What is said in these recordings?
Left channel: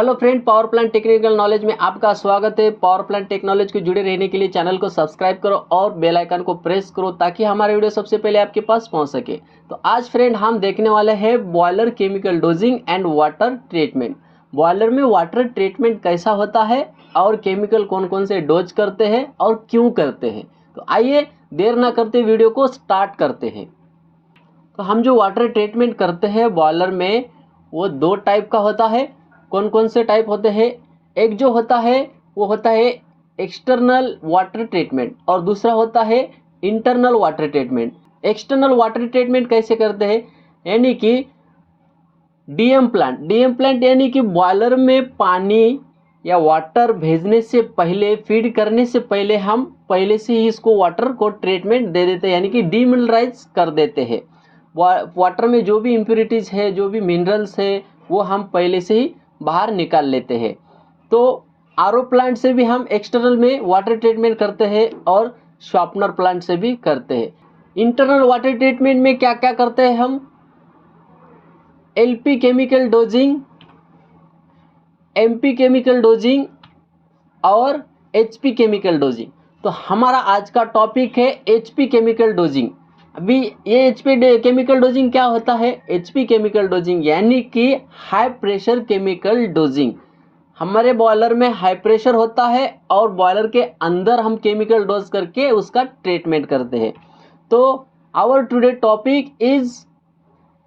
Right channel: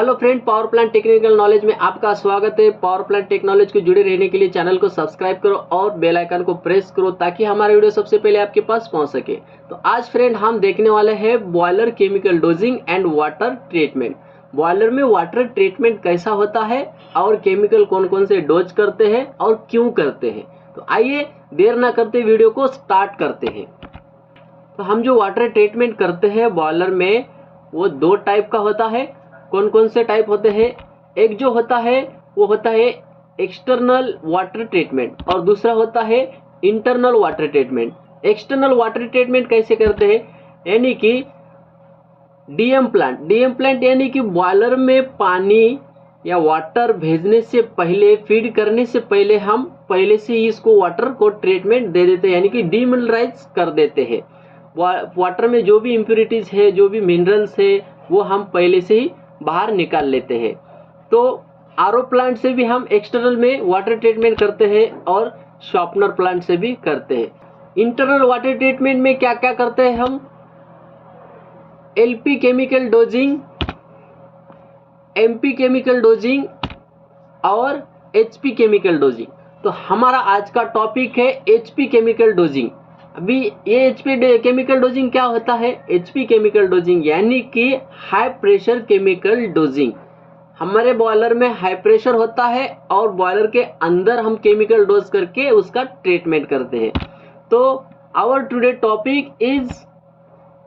Hello friend, power plant technical knowledge में आपका स्वागत है। पावर प्लांट टेक्नोलॉजी को जुड़े रहने के लिए चैनल को सब्सक्राइब करो और बेल आइकन को प्रेस करो ताकि हमारा वीडियो सबसे पहले आपके पास पहुंच सके। तो आज फ्रेंड हम देखने वाले हैं boiler chemical dosing and water treatment. Boiler में वाटर ट्रीटमेंट कैसा होता है और केमिकल कौन कौन से डोज करते हैं और क्यों करते हैं। तो आइए देर ना करते वीडियो को स्टार्ट करते हैं। तो हम जो वाटर ट्रीटमेंट करते हैं बॉयलर में वो दो टाइप का होता है। कौन कौन से टाइप होते हैं? एक जो होता है वो होता है एक्सटर्नल वाटर ट्रीटमेंट और दूसरा होता है internal water treatment. External water treatment कैसे करते हैं? यानी कि डीएम प्लांट यानी कि बॉयलर में पानी या वाटर भेजने से पहले, फीड करने से पहले हम पहले से ही इसको वाटर को ट्रीटमेंट दे देते हैं, यानी कि डीमिनरलाइज कर देते हैं। वाटर में जो भी इम्प्योरिटीज़ है, जो भी मिनरल्स है, वो हम पहले से ही बाहर निकाल लेते हैं। तो आरओ प्लांट से भी हम एक्सटर्नल में वाटर ट्रीटमेंट करते हैं और शॉर्पनर प्लांट से भी करते हैं। इंटरनल वाटर ट्रीटमेंट में क्या क्या करते हैं हम? LP chemical dosing, MP chemical dosing और एचपी केमिकल डोजिंग। तो हमारा आज का टॉपिक है एचपी केमिकल डोजिंग। अभी ये एचपी केमिकल डोजिंग क्या होता है? एचपी केमिकल डोजिंग यानी कि हाई प्रेशर केमिकल डोजिंग। हमारे बॉयलर में हाई प्रेशर होता है और बॉयलर के अंदर हम केमिकल डोज करके उसका ट्रीटमेंट करते हैं। तो our today topic is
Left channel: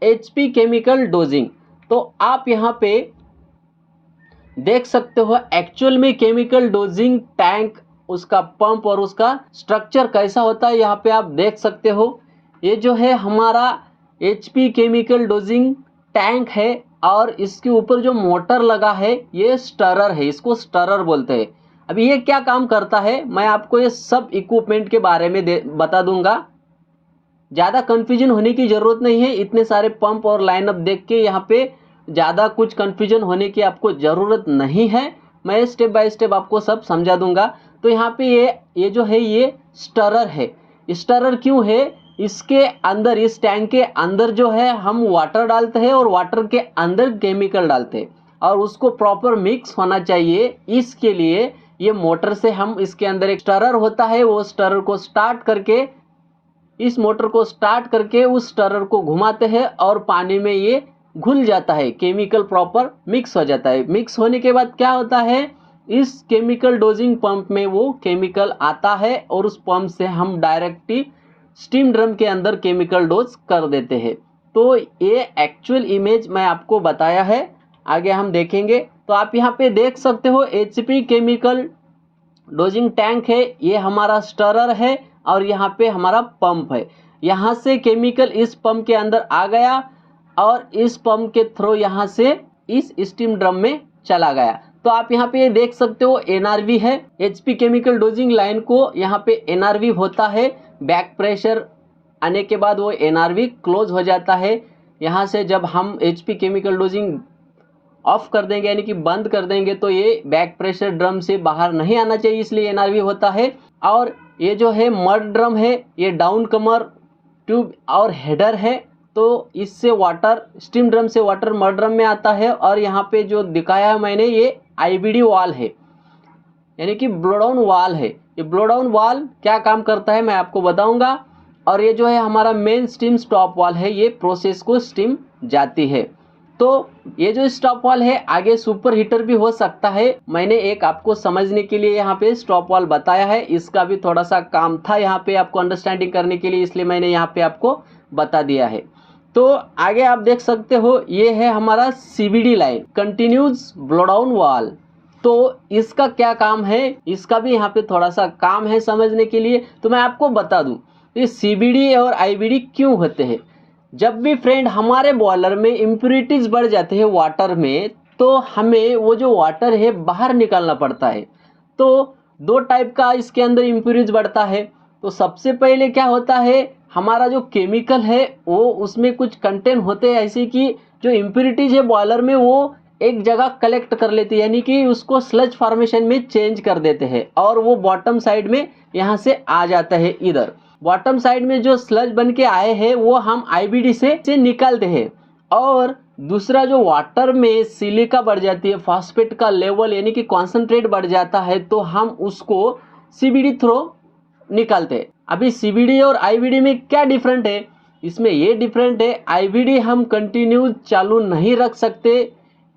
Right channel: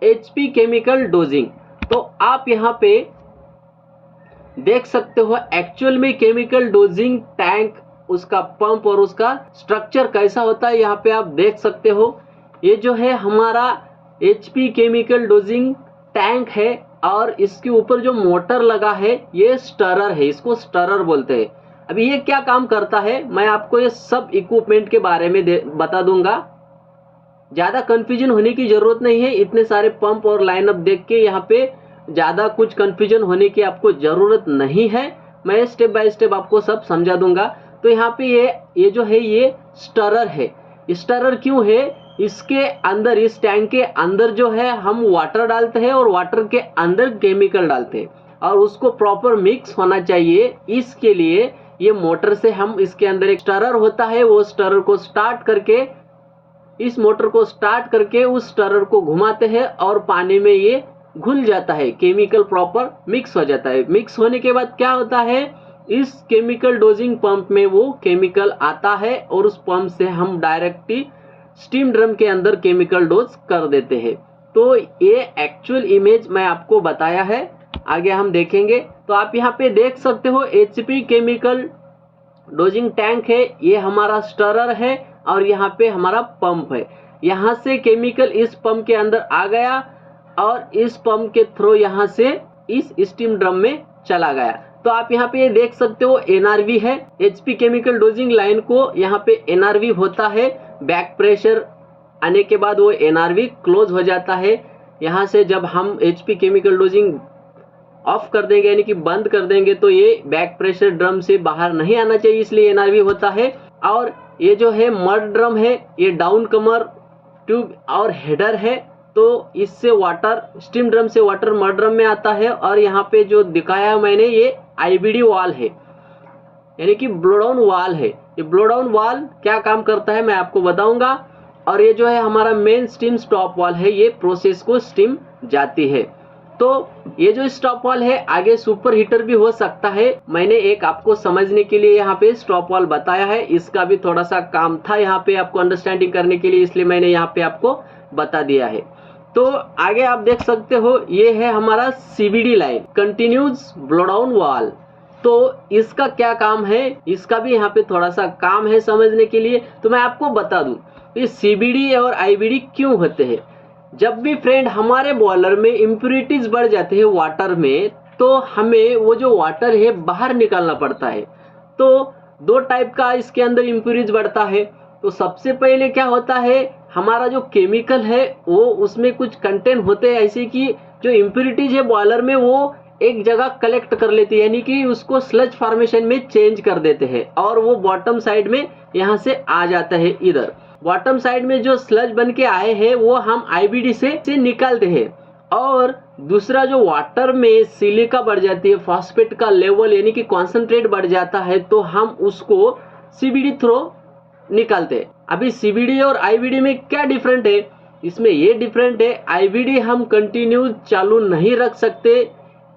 HP chemical dosing. तो आप यहाँ पे देख सकते हो एक्चुअल में केमिकल डोजिंग टैंक, उसका पंप और उसका स्ट्रक्चर कैसा होता है। यहाँ पे आप देख सकते हो ये जो है हमारा एचपी केमिकल डोजिंग टैंक है और इसके ऊपर जो मोटर लगा है ये स्टरर है, इसको स्टरर बोलते हैं। अभी ये क्या काम करता है मैं आपको ये सब इक्विपमेंट के बारे में बता दूंगा। ज़्यादा कन्फ्यूजन होने की ज़रूरत नहीं है। इतने सारे पंप और लाइनअप देख के यहाँ पे ज़्यादा कुछ कन्फ्यूजन होने की आपको ज़रूरत नहीं है। मैं स्टेप बाय स्टेप आपको सब समझा दूंगा। तो यहाँ पे ये जो है ये स्टरर है। स्टरर क्यों है? इसके अंदर, इस टैंक के अंदर जो है हम वाटर डालते हैं और वाटर के अंदर केमिकल डालते हैं और उसको प्रॉपर मिक्स होना चाहिए। इसके लिए ये मोटर से हम, इसके अंदर एक स्टरर होता है, वो स्टरर को स्टार्ट करके, इस मोटर को स्टार्ट करके उस स्टरर को घुमाते हैं और पानी में ये घुल जाता है, केमिकल प्रॉपर मिक्स हो जाता है। मिक्स होने के बाद क्या होता है, इस केमिकल डोजिंग पंप में वो केमिकल आता है और उस पंप से हम डायरेक्टली स्टीम ड्रम के अंदर केमिकल डोज कर देते हैं। तो ये एक्चुअल इमेज मैं आपको बताया है, आगे हम देखेंगे। तो आप यहाँ पे देख सकते हो एचपी केमिकल डोजिंग टैंक है, ये हमारा स्टरर है और यहाँ पे हमारा पंप है। यहाँ से केमिकल इस पंप के अंदर आ गया और इस पंप के थ्रू यहाँ से इस स्टीम ड्रम में चला गया। तो आप यहाँ पे देख सकते हो एनआरवी है। एचपी केमिकल डोजिंग लाइन को यहाँ पे एनआरवी होता है। बैक प्रेशर आने के बाद वो एनआरवी क्लोज हो जाता है। यहाँ से जब हम एचपी केमिकल डोजिंग ऑफ कर देंगे यानी कि बंद कर देंगे तो ये बैक प्रेशर ड्रम से बाहर नहीं आना चाहिए, इसलिए एनआरवी होता है। और ये जो है मड ड्रम है, ये डाउन कमर ट्यूब और हेडर है। तो इससे वाटर, स्टीम ड्रम से वाटर मड ड्रम में आता है। और यहाँ पे जो दिखाया है मैंने ये आईबीडी वाल है, यानी कि ब्लो डाउन वाल है। ये ब्लो डाउन वाल क्या काम करता है मैं आपको बताऊंगा। और ये जो है हमारा मेन स्टीम स्टॉप वाल है, ये प्रोसेस को स्टीम जाती है। तो ये जो स्टॉप वाल है आगे सुपर हीटर भी हो सकता है। मैंने एक आपको समझने के लिए यहाँ पे स्टॉप वाल बताया है, इसका भी थोड़ा सा काम था यहाँ पे आपको अंडरस्टैंडिंग करने के लिए, इसलिए मैंने यहाँ पे आपको बता दिया है। तो आगे आप देख सकते हो ये है हमारा CBD line, continues blow down वाल। तो इसका क्या काम है, इसका भी यहाँ पे थोड़ा सा काम है समझने के लिए। तो मैं आपको बता दूं ये सीबीडी और आईबीडी क्यों होते हैं। जब भी फ्रेंड हमारे बॉयलर में इम्प्योरिटीज बढ़ जाते हैं वाटर में, तो हमें वो जो वाटर है बाहर निकालना पड़ता है। तो दो टाइप का इसके अंदर इम्प्योरिटीज बढ़ता है। तो सबसे पहले क्या होता है, हमारा जो केमिकल है वो उसमें कुछ कंटेंट होते हैं ऐसे कि जो इम्प्योरिटीज है बॉयलर में वो एक जगह कलेक्ट कर लेते हैं, यानी कि उसको स्लज फॉर्मेशन में चेंज कर देते हैं और वो बॉटम साइड में यहाँ से आ जाता है। इधर बॉटम साइड में जो स्लज बन के आए हैं वो हम आईबीडी से निकालते हैं और दूसरा जो वाटर में सिलिका बढ़ जाती है, फॉस्फेट का लेवल यानी कि कॉन्सेंट्रेट बढ़ जाता है, तो हम उसको सीबीडी थ्रू निकालते हैं। अभी सीबीडी और आईवीडी में क्या डिफरेंट है? इसमें ये डिफरेंट है, आईवीडी हम कंटिन्यू चालू नहीं रख सकते।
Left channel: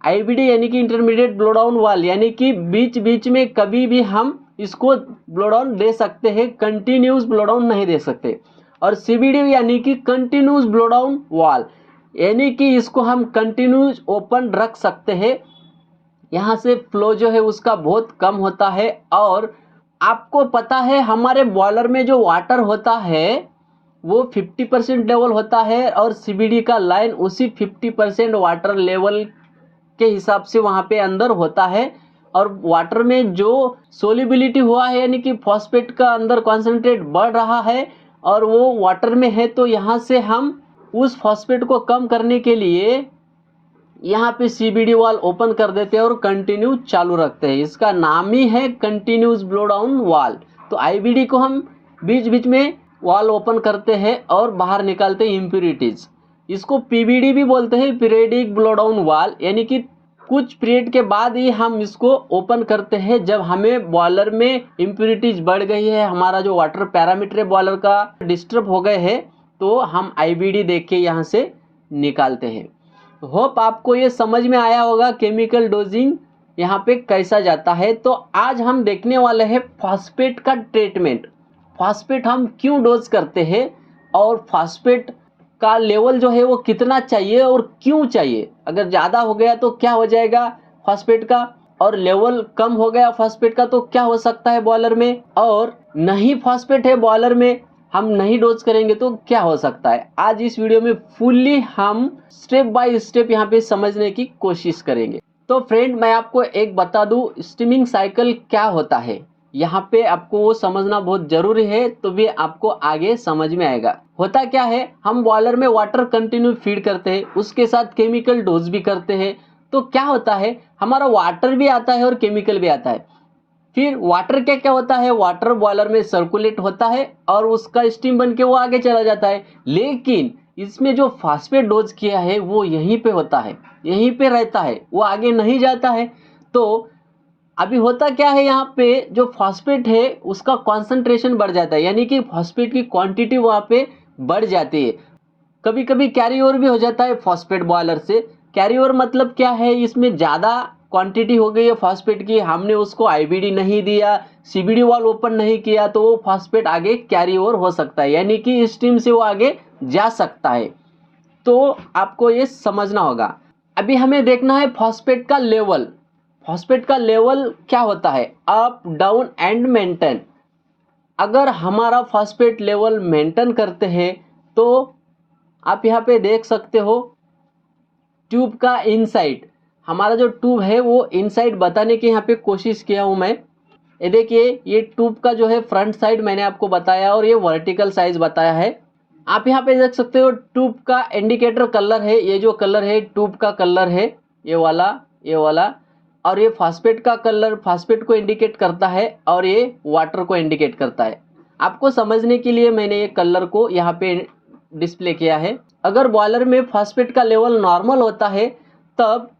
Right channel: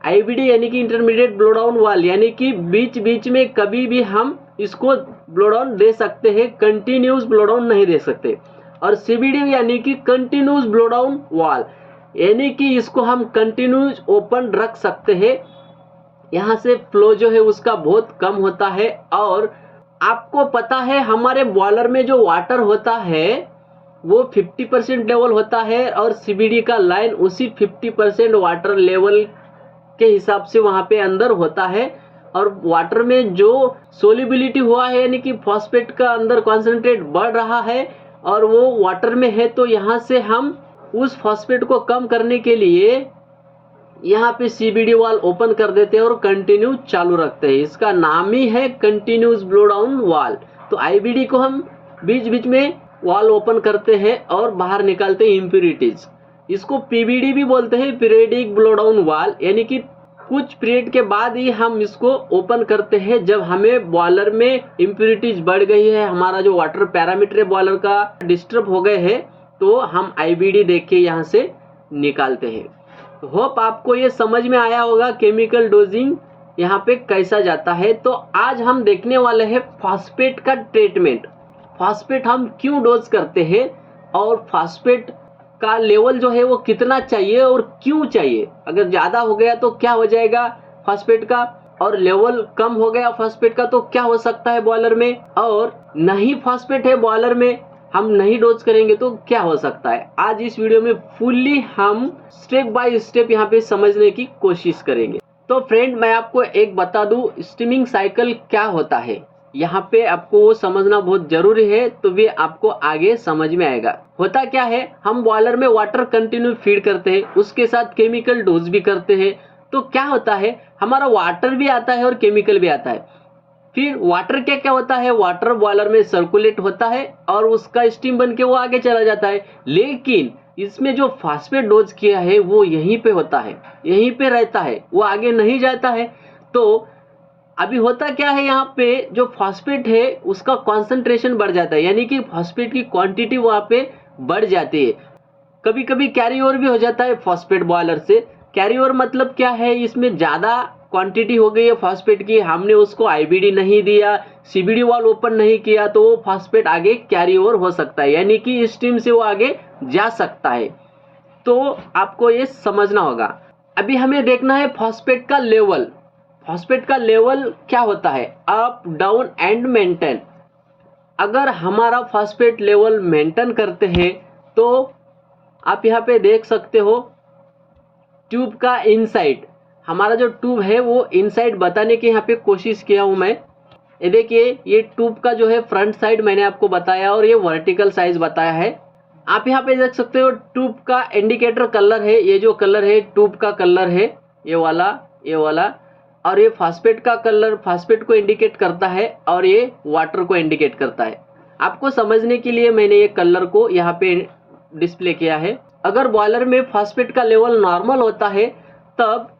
आईवीडी यानी कि इंटरमीडिएट ब्लो डाउन वाल, यानी कि बीच बीच में कभी भी हम इसको ब्लो डाउन दे सकते हैं, कंटिन्यूस ब्लो डाउन नहीं दे सकते। और सीबीडी यानी कि कंटिन्यूस ब्लो डाउन वाल, यानी कि इसको हम कंटिन्यूस ओपन रख सकते हैं। यहाँ से फ्लो जो है उसका बहुत कम होता है। और आपको पता है हमारे बॉयलर में जो वाटर होता है वो 50% लेवल होता है, और सीबीडी का लाइन उसी 50% वाटर लेवल के हिसाब से वहाँ पे अंदर होता है। और वाटर में जो सोलिबिलिटी हुआ है यानी कि फॉस्फेट का अंदर कॉन्सेंट्रेट बढ़ रहा है और वो वाटर में है, तो यहाँ से हम उस फॉस्फेट को कम करने के लिए यहाँ पे सीबीडी वाल ओपन कर देते हैं और कंटिन्यू चालू रखते हैं। इसका नाम ही है कंटिन्यूस ब्लो डाउन वाल। तो आईबीडी को हम बीच बीच में वाल ओपन करते हैं और बाहर निकालते हैं इम्प्यूरिटीज। इसको पीबीडी भी बोलते हैं, पीरियडिक ब्लो डाउन वाल, यानी कि कुछ पीरियड के बाद ही हम इसको ओपन करते हैं जब हमें बॉयलर में इम्प्यूरिटीज बढ़ गई है, हमारा जो वाटर पैरामीटर बॉयलर का डिस्टर्ब हो गए हैं, तो हम आईबीडी देख के यहाँ से निकालते हैं। होप आपको ये समझ में आया होगा केमिकल डोजिंग यहाँ पे कैसा जाता है। तो आज हम देखने वाले हैं फॉस्फेट का ट्रीटमेंट। फॉस्फेट हम क्यों डोज करते हैं और फॉस्फेट का लेवल जो है वो कितना चाहिए और क्यों चाहिए। अगर ज़्यादा हो गया तो क्या हो जाएगा फॉस्फेट का, और लेवल कम हो गया फॉस्फेट का तो क्या हो सकता है बॉयलर में, और नहीं फॉस्फेट है बॉयलर में हम नहीं डोज करेंगे तो क्या हो सकता है। आज इस वीडियो में फुल्ली हम स्टेप बाय स्टेप यहाँ पे समझने की कोशिश करेंगे। तो फ्रेंड मैं आपको एक बता दूं, स्टीमिंग साइकिल क्या होता है, यहाँ पे आपको वो समझना बहुत जरूरी है, तो भी आपको आगे समझ में आएगा। होता क्या है, हम बॉयलर में वाटर कंटिन्यू फीड करते हैं, उसके साथ केमिकल डोज भी करते हैं। तो क्या होता है, हमारा वाटर भी आता है और केमिकल भी आता है। फिर वाटर क्या क्या होता है, वाटर बॉयलर में सर्कुलेट होता है और उसका स्टीम बन के वो आगे चला जाता है। लेकिन इसमें जो फॉस्फेट डोज किया है वो यहीं पे होता है, यहीं पे रहता है, वो आगे नहीं जाता है। तो अभी होता क्या है, यहाँ पे जो फॉस्फेट है उसका कॉन्सेंट्रेशन बढ़ जाता है, यानी कि फॉस्फेट की क्वांटिटी वहाँ पे बढ़ जाती है। कभी कभी कैरी ओवर भी हो जाता है फॉस्फेट बॉयलर से। कैरी ओवर मतलब क्या है, इसमें ज़्यादा क्वांटिटी हो गई है फॉस्फेट की, हमने उसको आईबीडी नहीं दिया, सीबीडी वाल ओपन नहीं किया, तो वो फॉस्फेट आगे कैरी ओवर हो सकता है, यानी कि स्टीम से वो आगे जा सकता है। तो आपको ये समझना होगा। अभी हमें देखना है फॉस्फेट का लेवल। फॉस्फेट का लेवल क्या होता है, अप डाउन एंड मेंटेन। अगर हमारा फॉस्फेट लेवल मेंटेन करते हैं तो आप यहाँ पे देख सकते हो ट्यूब का इनसाइड, हमारा जो ट्यूब है वो इनसाइड बताने की यहाँ पे कोशिश किया हूँ मैं। ये देखिए, ये ट्यूब का जो है फ्रंट साइड मैंने आपको बताया और ये वर्टिकल साइज बताया है। आप यहाँ पे देख सकते हो ट्यूब का इंडिकेटर कलर है, ये जो कलर है ट्यूब का कलर है, ये वाला, और ये फॉस्फेट का कलर फॉस्फेट को इंडिकेट करता है और ये वाटर को इंडिकेट करता है। आपको समझने के लिए मैंने ये कलर को यहाँ पे डिस्प्ले किया है। अगर बॉयलर में फॉस्फेट का लेवल नॉर्मल होता है तब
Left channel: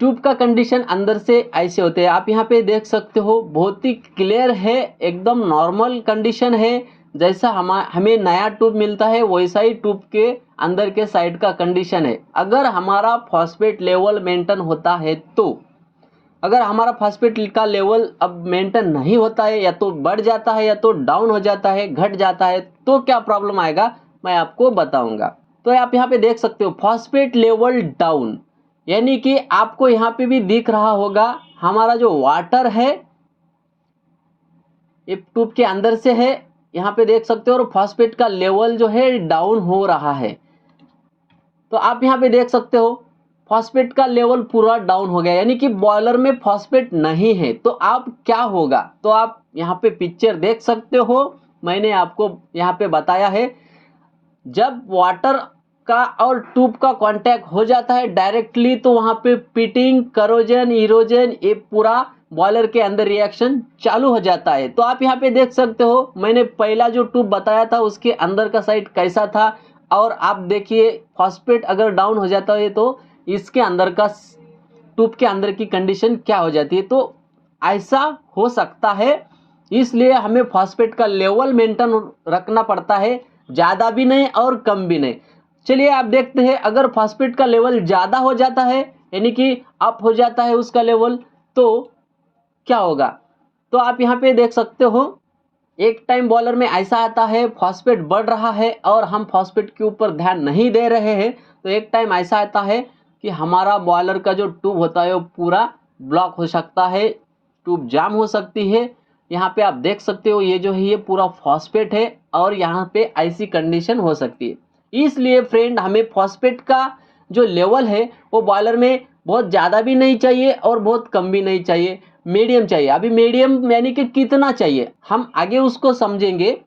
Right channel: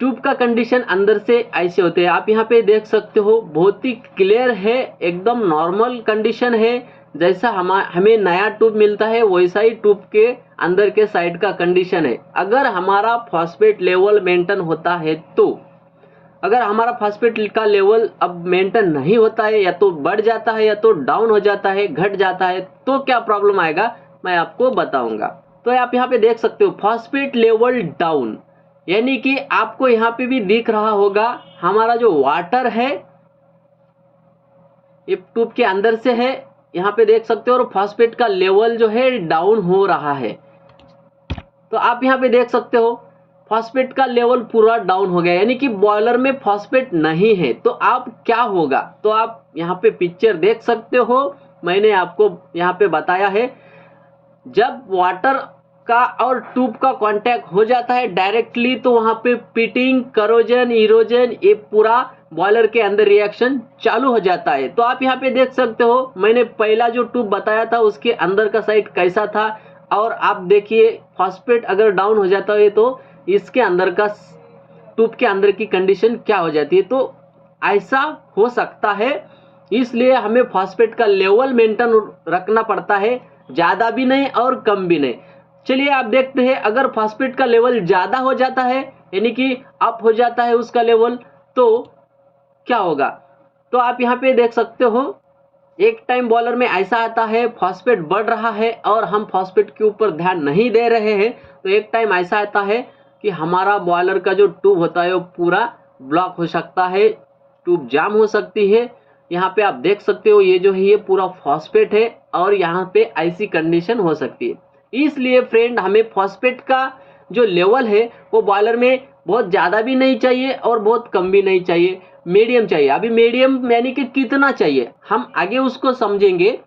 ट्यूब का कंडीशन अंदर से ऐसे होते हैं। आप यहाँ पे देख सकते हो, बहुत ही क्लियर है, एकदम नॉर्मल कंडीशन है। जैसा हमें नया ट्यूब मिलता है वैसा ही ट्यूब के अंदर के साइड का कंडीशन है। अगर हमारा फॉस्फेट लेवल मेंटेन होता है तो, अगर हमारा फॉस्फेट का लेवल अब मेंटेन नहीं होता है, या तो बढ़ जाता है या तो डाउन हो जाता है, घट जाता है, तो क्या प्रॉब्लम आएगा मैं आपको बताऊंगा। तो आप यहाँ पे देख सकते हो फॉस्फेट लेवल डाउन, यानी कि आपको यहाँ पे भी दिख रहा होगा हमारा जो वाटर है ये ट्यूब के अंदर से है, यहाँ पे देख सकते हो, और फॉस्फेट का लेवल जो है डाउन हो रहा है। तो आप यहाँ पे देख सकते हो फॉस्फेट का लेवल पूरा डाउन हो गया, यानी कि बॉयलर में फॉस्फेट नहीं है। तो आप क्या होगा, तो आप यहाँ पे पिक्चर देख सकते हो, मैंने आपको यहाँ पे बताया है। जब वाटर का और ट्यूब का कांटेक्ट हो जाता है डायरेक्टली, तो वहाँ पे पिटिंग, करोजन, इरोजन, ये पूरा बॉयलर के अंदर रिएक्शन चालू हो जाता है। तो आप यहाँ पे देख सकते हो, मैंने पहला जो ट्यूब बताया था उसके अंदर का साइड कैसा था, और आप देखिए फॉस्फेट अगर डाउन हो जाता है तो इसके अंदर का ट्यूब के अंदर की कंडीशन क्या हो जाती है। तो ऐसा हो सकता है, इसलिए हमें फॉस्फेट का लेवल मेंटेन रखना पड़ता है, ज़्यादा भी नहीं और कम भी नहीं। चलिए आप देखते हैं, अगर फॉस्फेट का लेवल ज़्यादा हो जाता है यानी कि अप हो जाता है उसका लेवल, तो क्या होगा। तो आप यहाँ पे देख सकते हो, एक टाइम बॉयलर में ऐसा आता है फॉस्फेट बढ़ रहा है और हम फॉस्फेट के ऊपर ध्यान नहीं दे रहे हैं, तो एक टाइम ऐसा आता है कि हमारा बॉयलर का जो ट्यूब होता है वो पूरा ब्लॉक हो सकता है, ट्यूब जाम हो सकती है। यहाँ पे आप देख सकते हो, ये जो है ये पूरा फॉस्फेट है और यहाँ पे ऐसी कंडीशन हो सकती है। इसलिए फ्रेंड, हमें फॉस्फेट का जो लेवल है वो बॉयलर में बहुत ज़्यादा भी नहीं चाहिए और बहुत कम भी नहीं चाहिए, मीडियम चाहिए। अभी मीडियम यानी कि कितना चाहिए हम आगे उसको समझेंगे।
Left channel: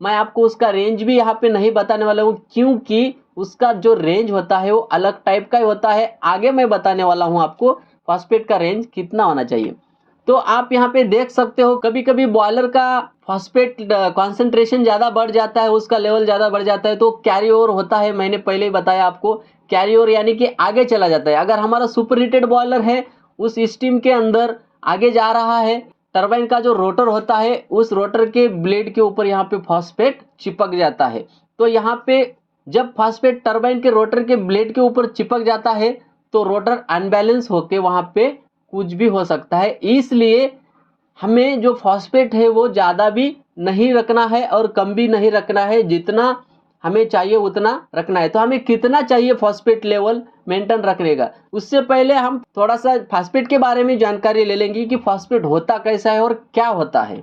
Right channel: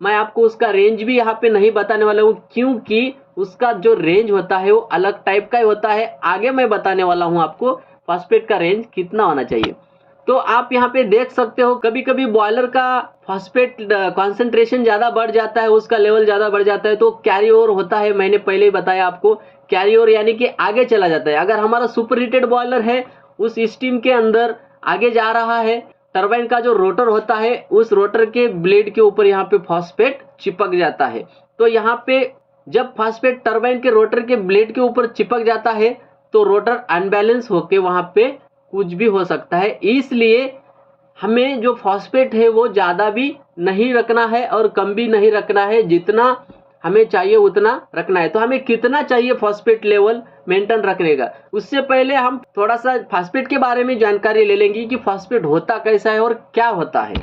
मैं आपको उसका रेंज भी यहाँ पे नहीं बताने वाला हूँ, क्योंकि उसका जो रेंज होता है वो अलग टाइप का ही होता है। आगे मैं बताने वाला हूँ आपको फॉस्फेट का रेंज कितना होना चाहिए। तो आप यहाँ पे देख सकते हो, कभी कभी बॉयलर का फॉस्फेट कॉन्सेंट्रेशन ज़्यादा बढ़ जाता है, उसका लेवल ज़्यादा बढ़ जाता है, तो कैरी ओवर होता है। मैंने पहले ही बताया आपको, कैरी ओवर यानी कि आगे चला जाता है। अगर हमारा सुपर हीटेड बॉयलर है, उस स्टीम के अंदर आगे जा रहा है, टरबाइन का जो रोटर होता है उस रोटर के ब्लेड के ऊपर यहाँ पे फॉस्फेट चिपक जाता है। तो यहाँ पे जब फॉस्फेट टरबाइन के रोटर के ब्लेड के ऊपर चिपक जाता है तो रोटर अनबैलेंस होके वहाँ पे कुछ भी हो सकता है। इसलिए हमें जो फॉस्फेट है वो ज़्यादा भी नहीं रखना है और कम भी नहीं रखना है, जितना हमें चाहिए उतना रखना है। तो हमें कितना चाहिए फॉस्फेट लेवल मेंटेन रखने का, उससे पहले हम थोड़ा सा फॉस्फेट के बारे में जानकारी ले लेंगे कि फॉस्फेट होता कैसा है और क्या होता है।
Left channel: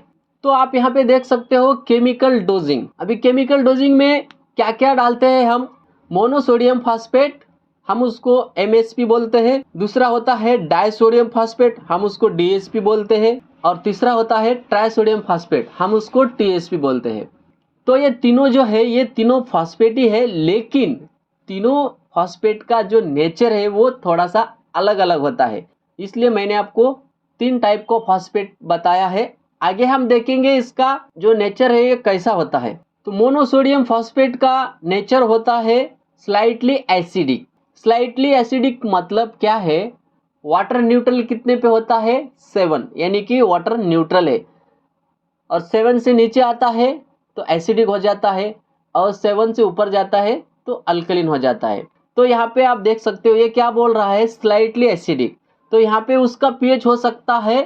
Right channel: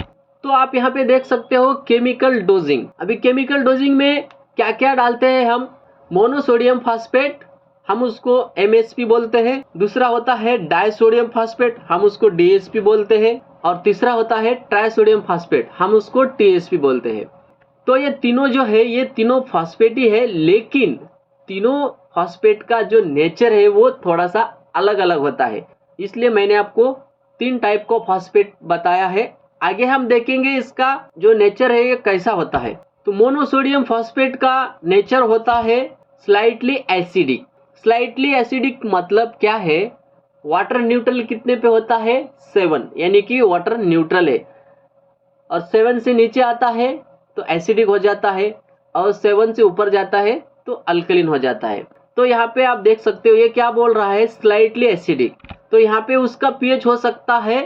तो आप यहाँ पे देख सकते हो केमिकल डोजिंग। अभी केमिकल डोजिंग में क्या क्या डालते हैं हम, मोनोसोडियम फॉस्फेट, हम उसको MSP बोलते हैं। दूसरा होता है डाइसोडियम फॉस्फेट, हम उसको DSP बोलते हैं। और तीसरा होता है ट्राइसोडियम फॉस्फेट, हम उसको TSP बोलते हैं। तो ये तीनों जो है ये तीनों फॉस्फेट ही है, लेकिन तीनों फॉस्फेट का जो नेचर है वो थोड़ा सा अलग अलग होता है। इसलिए मैंने आपको 3 टाइप का फॉस्फेट बताया है। आगे हम देखेंगे इसका जो नेचर है ये कैसा होता है। तो मोनोसोडियम फॉस्फेट का नेचर होता है स्लाइटली एसिडिक। स्लाइटली एसिडिक मतलब क्या है, वाटर न्यूट्रल कितने पे होता है 7, यानी कि वाटर न्यूट्रल है, और 7 से नीचे आता है तो एसिडिक हो जाता है, और 7 से ऊपर जाता है तो अल्कलिन हो जाता है। तो यहाँ पे आप देख सकते हो ये क्या बोल रहा है, स्लाइटली एसिडिक। तो यहाँ पे उसका पीएच हो सकता है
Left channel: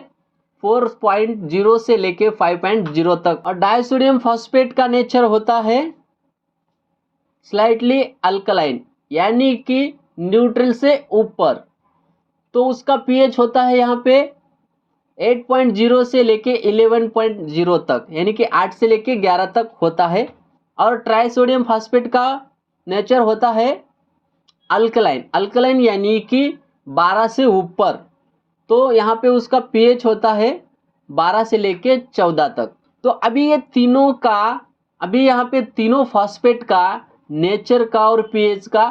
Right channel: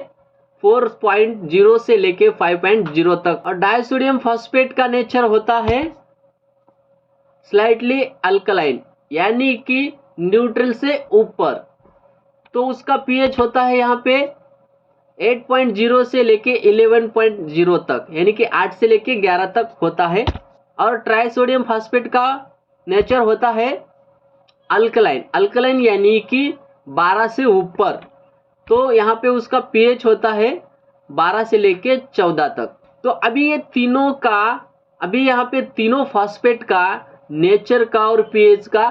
4.0 से लेके 5.0 तक। और डाइसोडियम फॉस्फेट का नेचर होता है स्लाइटली अल्कलाइन, यानी कि न्यूट्रल से ऊपर। तो उसका पीएच होता है यहाँ पे 8.0 से लेके 11.0 तक, यानी कि 8 से लेके 11 तक होता है। और ट्राइसोडियम फॉस्फेट का नेचर होता है अल्कलाइन, अल्कलाइन यानी कि 12 से ऊपर। तो यहाँ पे उसका पीएच होता है 12 से लेके 14 तक। तो अभी ये तीनों का, अभी यहाँ पे तीनों फॉस्फेट का नेचर का और पीएच का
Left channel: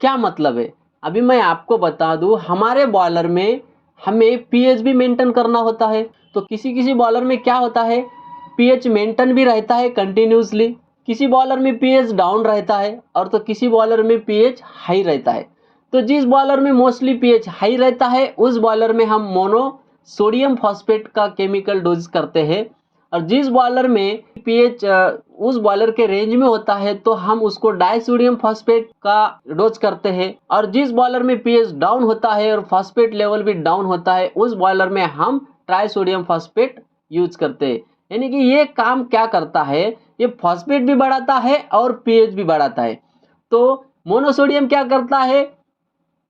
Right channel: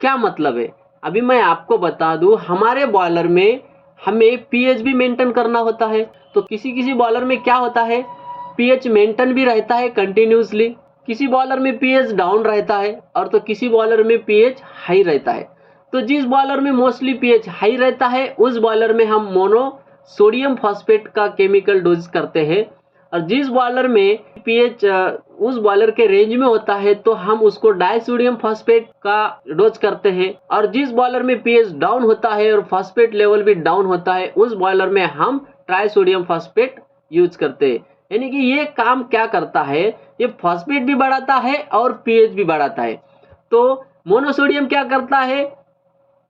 क्या मतलब है, अभी मैं आपको बता दूं। हमारे बॉयलर में हमें पीएच भी मेंटेन करना होता है। तो किसी किसी बॉयलर में क्या होता है, पीएच मेंटेन भी रहता है कंटिन्यूसली, किसी बॉयलर में पीएच डाउन रहता है, और तो किसी बॉयलर में पीएच हाई रहता है। तो जिस बॉयलर में मोस्टली पीएच हाई रहता है उस बॉयलर में हम मोनोसोडियम फॉस्फेट का केमिकल डोज करते हैं, और जिस बॉयलर में पीएच उस बॉयलर के रेंज में होता है तो हम उसको डाइसोडियम फॉस्फेट का डोज करते हैं। और जिस बॉयलर में पीएच डाउन होता है और फॉस्फेट लेवल भी डाउन होता है उस बॉयलर में हम ट्राइसोडियम फॉस्फेट यूज करते हैं। यानी कि ये काम क्या करता है, ये फॉस्फेट भी बढ़ाता है और पीएच भी बढ़ाता है। तो मोनोसोडियम क्या करता है,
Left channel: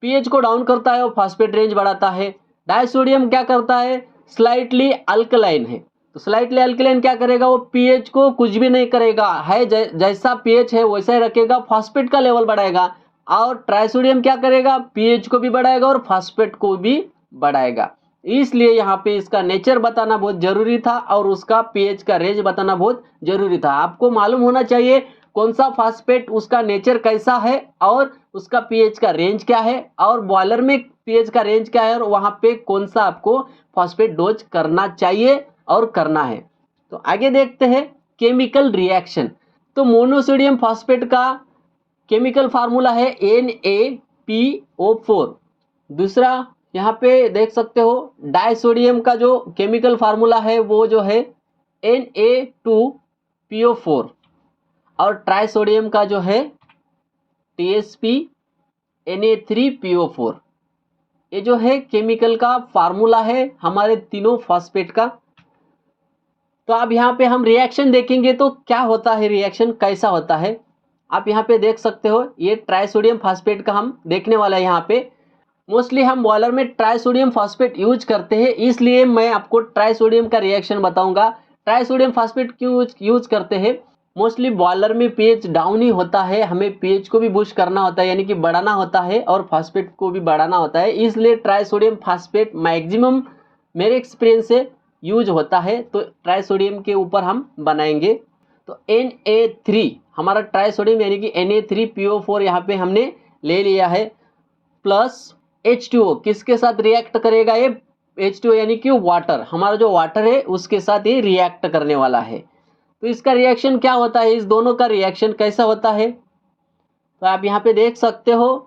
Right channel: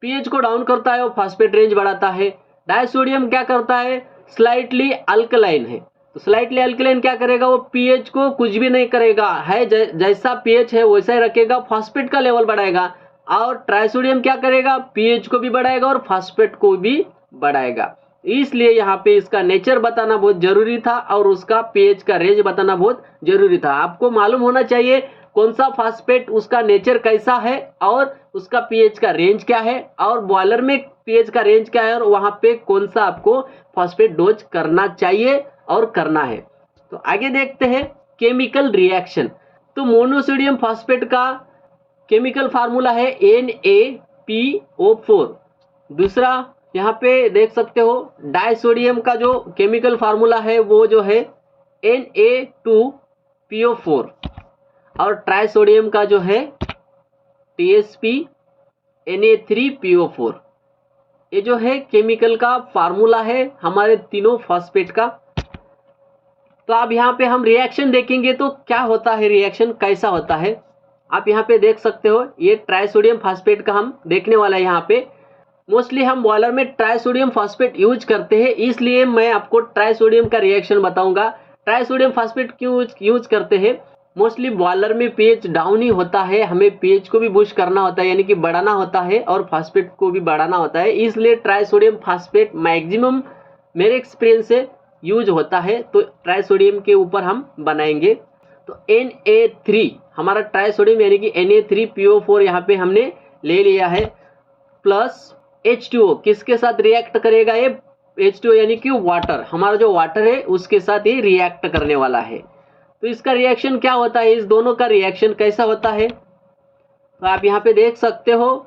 पीएच को डाउन करता है और फॉस्फेट रेंज बढ़ाता है। डाइसोडियम क्या करता है, स्लाइटली अल्कलाइन है, तो स्लाइटली अल्कलाइन क्या करेगा, वो पीएच को कुछ भी नहीं करेगा, है जैसा पीएच है वैसा ही रखेगा, फॉस्फेट का लेवल बढ़ाएगा। और ट्राइसोडियम क्या करेगा, पीएच को भी बढ़ाएगा और फॉस्फेट को भी बढ़ाएगा। इसलिए यहाँ पे इसका नेचर बताना बहुत जरूरी था और उसका पीएच का रेंज बताना बहुत जरूरी था। आपको मालूम होना चाहिए कौन सा फॉस्फेट, उसका नेचर कैसा है और उसका पीएच का रेंज क्या है, और बॉयलर में पीएच का रेंज क्या है, और वहाँ पे कौन सा आपको फॉस्फेट डोज करना चाहिए और करना है। तो आगे देखते हैं केमिकल रिएक्शन। तो मोनोसोडियम फॉस्फेट का केमिकल फार्मूला है Na PO4। दूसरा यहाँ पे देख सकते हो डाइसोडियम का जो केमिकल फार्मूला है वो जो है Na2PO4 और ट्राइसोडियम का जो है TsPNA3PO4। ये जो है केमिकल का फार्मूला है हमारे तीनों फॉस्फेट का। तो अब यहाँ पे हम रिएक्शन देखेंगे तो क्या होता है, रिएक्शन कैसा होता है आप यहाँ पे देख सकते हो। ये ट्राइसोडियम फॉस्फेट का हम देखने वाला है। यहाँ पे मोस्टली हम बॉयलर में ट्राइसोडियम फॉस्फेट यूज करते हैं, इसलिए मैं आपको ट्राइसोडियम का रिएक्शन बताऊंगा। ट्राइसोडियम फॉस्फेट क्यों यूज करते हैं, मोस्टली बॉयलर में पीएच डाउन ही होता है, हमें पीएच को भी बूस्ट करना होता है यानी कि बढ़ाना होता है और फॉस्फेट को भी बढ़ाना होता है, इसलिए ट्राइसोडियम फॉस्फेट मैक्सिमम मेरे एक्सपीरियंस से यूज होता है। तो ट्राइसोडियम के ऊपर हम बनाएंगे। तो Na3 हमारा ट्राइसोडियम यानी कि Na3PO4 यहाँ पे हमने ले लिया है, प्लस H2O किसके साथ रिएक्ट करेगा, ये H2O यानी कि वाटर, हमारा जो वाटर है उसके साथ ये रिएक्ट करने वाला है। तो इसका रिएक्शन क्या होता है, इस दोनों का रिएक्शन कैसा होता है, तो आप यहाँ पे देख सकते हो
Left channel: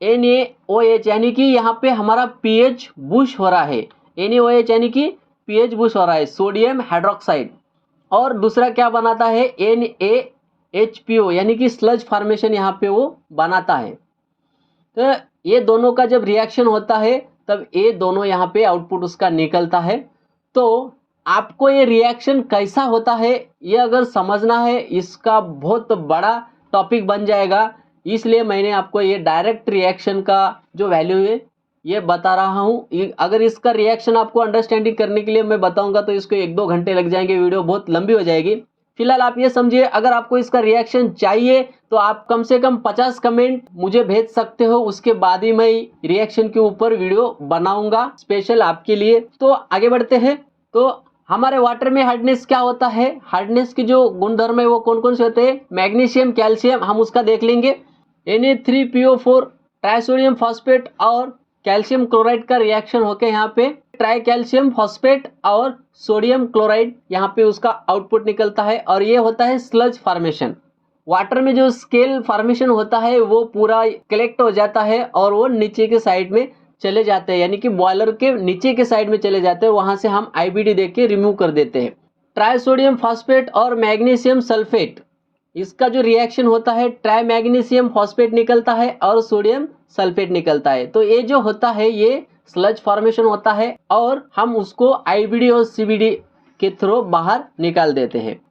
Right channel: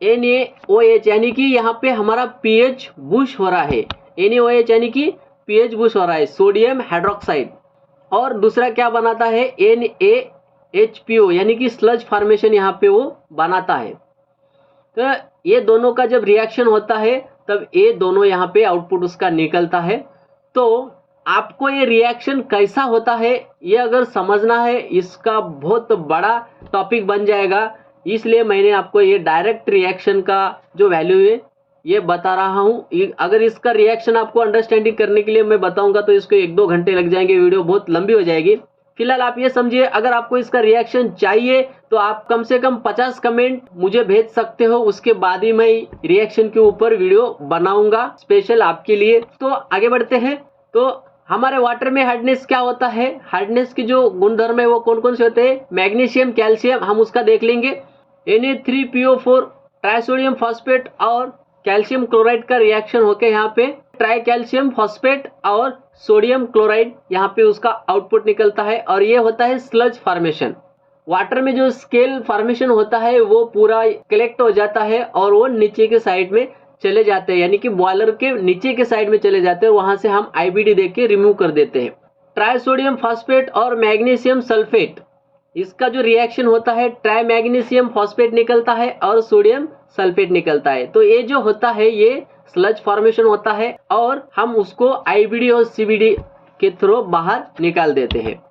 NaOH यानी कि यहाँ पे हमारा pH बूस्ट हो रहा है। NaOH यानी कि pH बूस्ट हो रहा है, सोडियम हाइड्रोक्साइड। और दूसरा क्या बनाता है, NaHPO यानी कि स्लज फॉर्मेशन यहाँ पे वो बनाता है। तो ये दोनों का जब रिएक्शन होता है तब ये दोनों यहाँ पे आउटपुट उसका निकलता है। तो आपको ये रिएक्शन कैसा होता है ये अगर समझना है, इसका बहुत बड़ा टॉपिक बन जाएगा, इसलिए मैंने आपको ये डायरेक्ट रिएक्शन का जो वैल्यू है ये बता रहा हूँ। अगर इसका रिएक्शन आपको अंडरस्टैंडिंग करने के लिए मैं बताऊंगा तो इसको 1-2 घंटे लग जाएंगे, वीडियो बहुत लंबी हो जाएगी। फिलहाल आप ये समझिए, अगर आपको इसका रिएक्शन चाहिए तो आप कम से कम 50 कमेंट मुझे भेज सकते हो, उसके बाद ही मैं रिएक्शन के ऊपर वीडियो बनाऊंगा स्पेशल आपके लिए। तो आगे बढ़ते हैं। तो हमारे वाटर में हार्डनेस क्या होता है, हार्डनेस की जो गुणधर्म है वो कौन कौन से होते हैं, मैग्नीशियम, कैल्शियम, हम उसका देख लेंगे। Na3PO4 ट्राइसोडियम फॉस्फेट और कैल्शियम क्लोराइड का रिएक्शन होकर यहाँ पे ट्राई कैल्शियम फॉस्फेट और सोडियम क्लोराइड यहाँ पे उसका आउटपुट निकलता है, और ये होता है स्लज फॉर्मेशन। वाटर में जो स्केल फॉर्मेशन होता है वो पूरा कलेक्ट हो जाता है और वो नीचे के साइड में चले जाते हैं, यानी कि बॉयलर के नीचे के साइड में चले जाते हैं, वहां से हम IBD देख के रिमूव कर देते हैं। ट्राइसोडियम फॉस्फेट और मैग्नीशियम सल्फेट, इसका जो रिएक्शन होता है ट्राई मैग्नीशियम फॉस्फेट निकलता है और सोडियम सल्फेट निकलता है। तो ये जो होता है ये स्लज फॉर्मेशन होता है और हम उसको IBD और CBD के थ्रू बाहर निकाल देते हैं।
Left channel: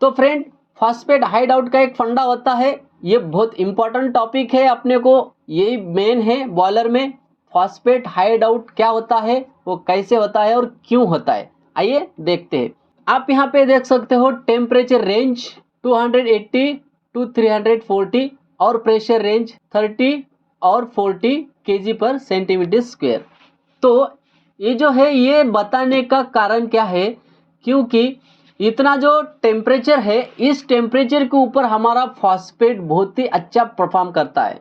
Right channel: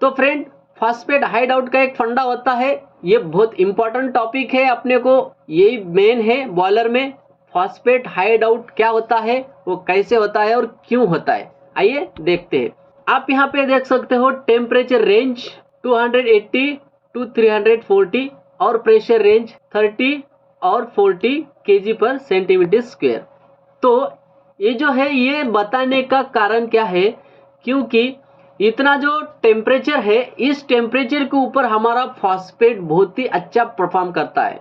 तो फ्रेंड, फॉस्फेट हाइड आउट का एक फंडा होता है, ये बहुत इंपॉर्टेंट टॉपिक है अपने को, यही मेन है बॉयलर में। फॉस्फेट हाइड आउट क्या होता है, वो कैसे होता है और क्यों होता है, आइए देखते हैं। आप यहाँ पे देख सकते हो टेम्परेचर रेंज 280 to 340 और प्रेशर रेंज 30 और 40 kg/cm²। तो ये जो है ये बताने का कारण क्या है, क्योंकि इतना जो टेम्परेचर है, इस टेम्परेचर के ऊपर हमारा फॉस्फेट बहुत ही अच्छा परफॉर्म करता है।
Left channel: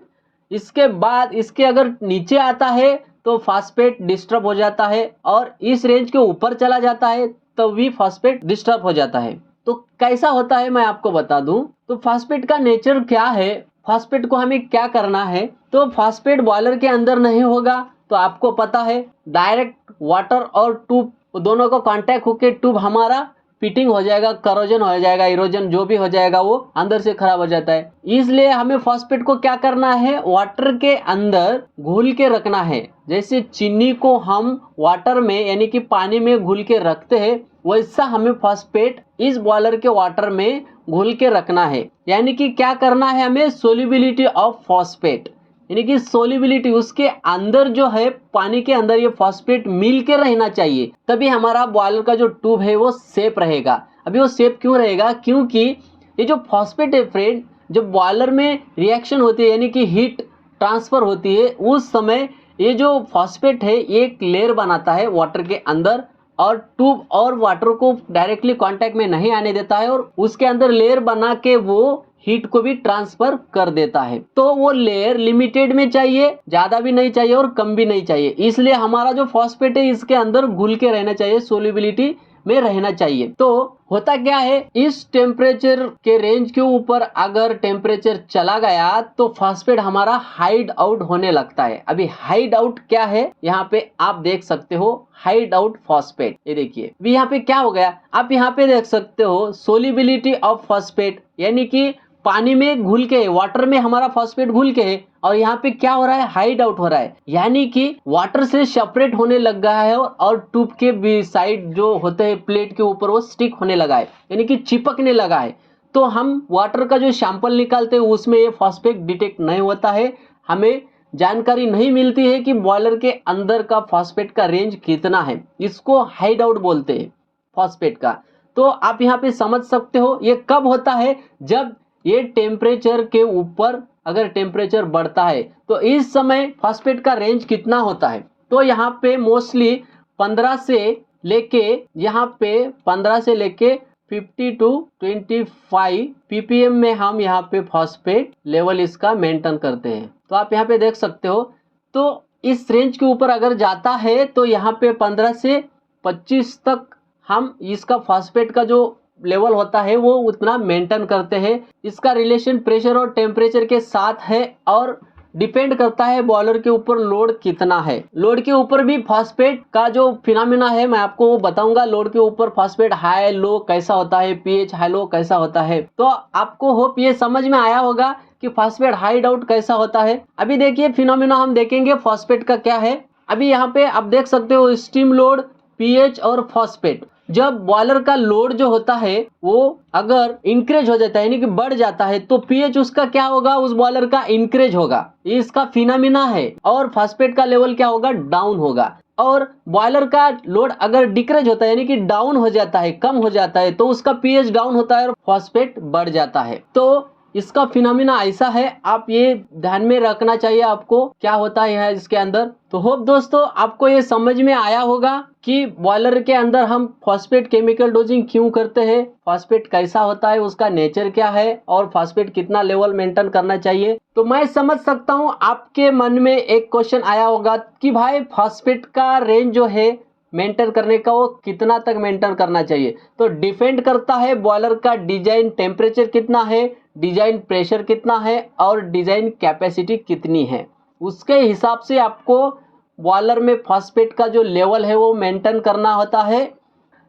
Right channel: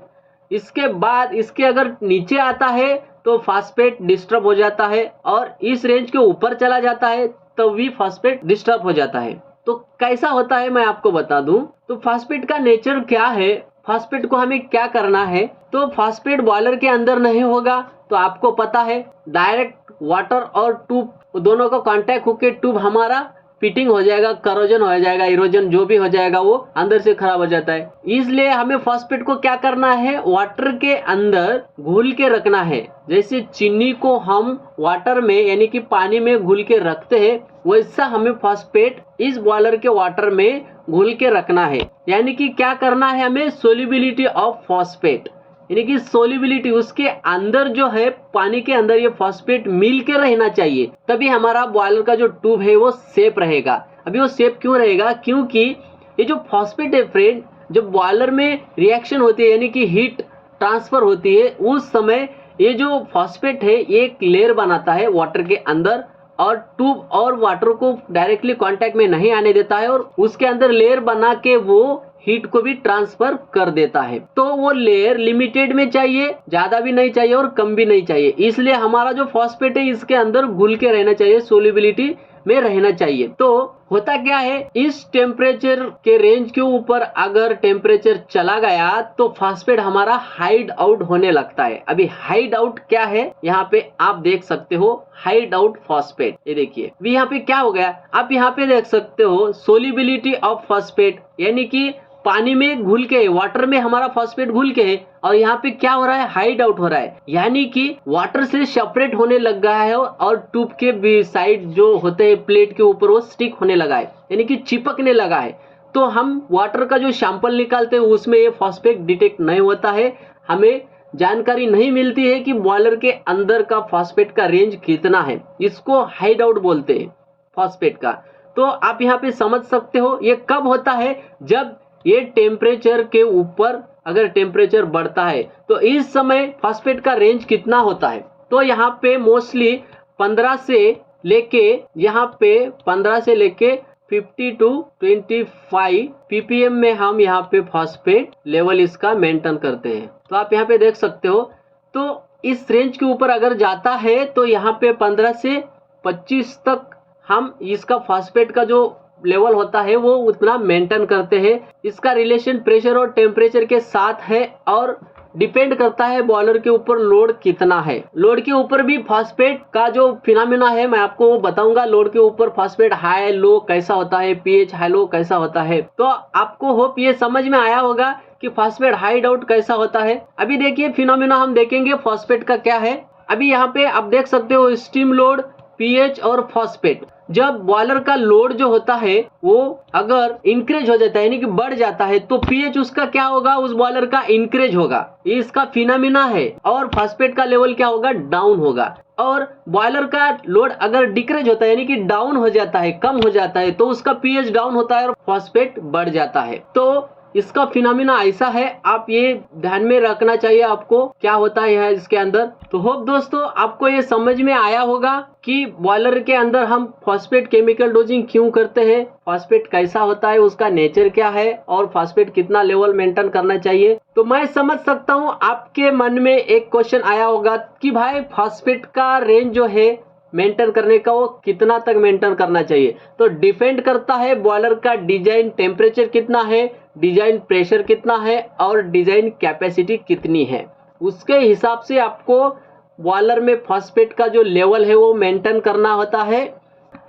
इसके बाद इसके अगर नीचे आता है तो फॉस्फेट डिस्टर्ब हो जाता है, और इस रेंज के ऊपर चला जाता है तब भी फॉस्फेट डिस्टर्ब हो जाता है। तो कैसा होता है मैं आपको बता दूं। तो फॉस्फेट का नेचर क्या है, फॉस्फेट को हमें क्या करना है। तो फॉस्फेट बॉयलर के अंदर नहीं होगा, तो आपको पता है डायरेक्ट वाटर और ट्यूब दोनों का कांटेक्ट होकर ट्यूब हमारा फिटिंग हो जाएगा, करोजन हो जाएगा, इरोजन जो भी हो जाएगा वो अंदर से खराब हो जाता है। इसलिए हमें फॉस्फेट को क्या करना है, वाटर के अंदर घुल के रखना है। जैसे चीनी को हम वाटर में यानी कि पानी में घुल के रखते हैं, वैसा हमें फॉस्फेट इस बॉयलर के वाटर में घुल के रखना है। यानी कि क्या करना है, हमें सोल्युबिलिटी ऑफ फॉस्फेट, यानी कि सोल्युबिलिटी उसके अंदर जो है पानी के अंदर ये फॉस्फेट मिल के रहना चाहिए, तभी हमारा बॉयलर का जो ट्यूब है वो सेफ रहेगा। अभी वो सेफ क्यों रहेगा, क्योंकि ये जो फॉस्फेट है फ्रेंड, जब बॉयलर में रिएक्शन होती है यानी कि हीट ट्रांसफर होती है, उस समय ये जो फॉस्फेट है ये एक लेयर बनाता है वाटर के अंदर, और ट्यूब और वाटर को डायरेक्टली कांटेक्ट में नहीं आने देता है, और उसके अंदर लेयर बना के वो हीट को भी ट्रांसफर कर देता है। तो वो लेयर लिमिटेड में चाहिए, ज्यादा भी नहीं चाहिए और कम भी नहीं चाहिए। इसलिए हमारा जो फॉस्फेट है इसके अंदर घुल के रहना चाहिए, सोल्युबिलिटी में रहना चाहिए। तो होता क्या है, इस टेम्परेचर के रेंज के ऊपर अगर टेम्परेचर चला गया तो फॉस्फेट हमारा हाइड आउट होने लगता है। अभी हाइड आउट क्या है, यहाँ पे आप देख सकते हो, हाइड आउट फॉस्फेट। ये देखिए अभी यहाँ पे क्या हो गया, आप यहाँ पे देख सकते हो सोलिबिलिटी ऑफ फॉस्फेट, यानी कि पानी में घुल के, वाटर में हमारा फॉस्फेट घुल के है, और यहाँ पे क्या हो रहा है, हाइड आउट हो रहा है, यानी कि वाटर से सेपरेट होने लग गया है और ट्यूब के साइड जो होते हैं प्लेट के ऊपर वो स्टिक होने लगा है, यानी कि चिपकने लगा है। तो हम वाटर का जो सैंपल निकालते हैं उसमें ये फॉस्फेट डिटेक्ट नहीं होता है, हमें जानकारी नहीं मिलती है कि बॉयलर के अंदर का फॉस्फेट का रेंज कितना है, इसको हाइड आउट बोलते हैं फॉस्फेट का। तो आप यहाँ पे समझ सकते हो ये कब होता है, जब ये टेम्परेचर के ऊपर अगर टेम्परेचर बढ़ता है तो इस समय फॉस्फेट का रेंज कितना होता है। तो यहाँ पे मोस्टली 15 से लेके 50 to 25 ppm में हम यहाँ पे फॉस्फेट लेवल इसका मेंटेन करते हैं। तो आप यहाँ पे देख सकते हो, तो इस रेंज के ऊपर अगर जाता है तो यहाँ पे 15 से 25 तक हम इसका फॉस्फेट का जो लेवल होता है वो उतना मेंटेन करते हैं। इसका रिलेशन प्रेशर और टेम्परेचर के साथ है और डिपेंड करता है बॉयलर के ऊपर लोड कितना है। लोड के ऊपर भी फॉस्फेट का जो फिनोमेना है मैं आपको वो बताऊंगा, लोड के ऊपर फॉस्फेट हाई लो कैसा होता है, पीएच हाई लो कैसा होता है। तो आपको होप ये समझ में आया होगा कि फॉस्फेट हाइड आउट कैसा होता है। अभी देखिए फिनोमेना हम देखेंगे फॉस्फेट का क्या है। अभी यहाँ पे आप देख सकते हो स्टीम लोड, पीएच और फॉस्फेट। जब बॉयलर का लोड जो होता है वो अगर इंक्रीज हो जाता है यानी कि बढ़ जाता है तो पीएच उसका क्या होगा, उस बॉयलर का इंक्रीज होगा, ये इसका फिनोमेना है। और फॉस्फेट का लेवल क्या होगा, डाउन होगा। और बॉयलर का लोड अगर डिक्रीज होता है यानी कि डाउन हो जाता है, कम हो जाता है, तो उसका पीएच डाउन होता है और फॉस्फेट बढ़ जाता है। तो इसका फिनोमेना ऐसा है, आप ये ध्यान में रखना चाहिए आपको क्या होता है इसके अंदर। तो होप दोस्तों आपको ये समझ में आया होगा कि बॉयलर के अंदर हम फॉस्फेट केमिकल डोजिंग क्यों करते हैं, फॉस्फेट कैसा होता है, उसका नेचर क्या है और फॉस्फेट कितना लेवल मेंटेन करना चाहिए। तो मैं समझ सकता हूँ आपके मन में एक क्वेश्चन आया होगा कि भाई फॉस्फेट का रेंज जो है मेंटेन करने का वो कितना तक मेंटेन करना चाहिए। तो डिपेंड करता है बॉयलर का डिजाइन टेम्परेचर कितना है, डिजाइन प्रेशर कितना है और डिजाइन कैपेसिटी कितनी है, उसके हिसाब से आपको बॉयलर में फॉस्फेट का जो लेवल है वो मेंटेन करना होता है।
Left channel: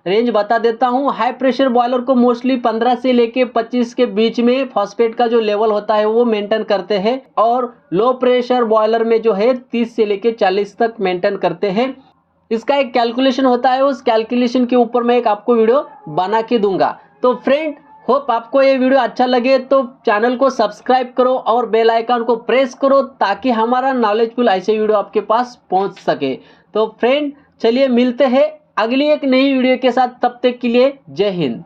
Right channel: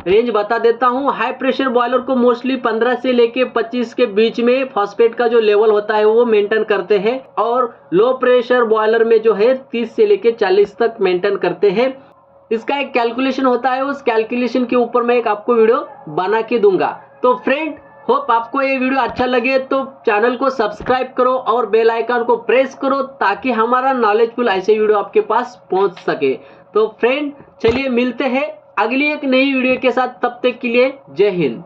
रेंज बता देता हूँ, हाई प्रेशर बॉयलर को मोस्टली 15 से लेके 25 के बीच में फॉस्फेट का जो लेवल होता है वो मेंटेन करते हैं, और लो प्रेशर बॉयलर में जो है 30 से लेके 40 तक मेंटेन करते हैं। इसका एक कैलकुलेशन होता है, उस कैलकुलेशन के ऊपर मैं एक आपको वीडियो बना के दूंगा। तो फ्रेंड होप आपको ये वीडियो अच्छा लगे तो चैनल को सब्सक्राइब करो और बेल आइकन को प्रेस करो ताकि हमारा नॉलेजफुल ऐसे वीडियो आपके पास पहुंच सके। तो फ्रेंड चलिए मिलते हैं अगली एक नई वीडियो के साथ, तब तक के लिए जय हिंद।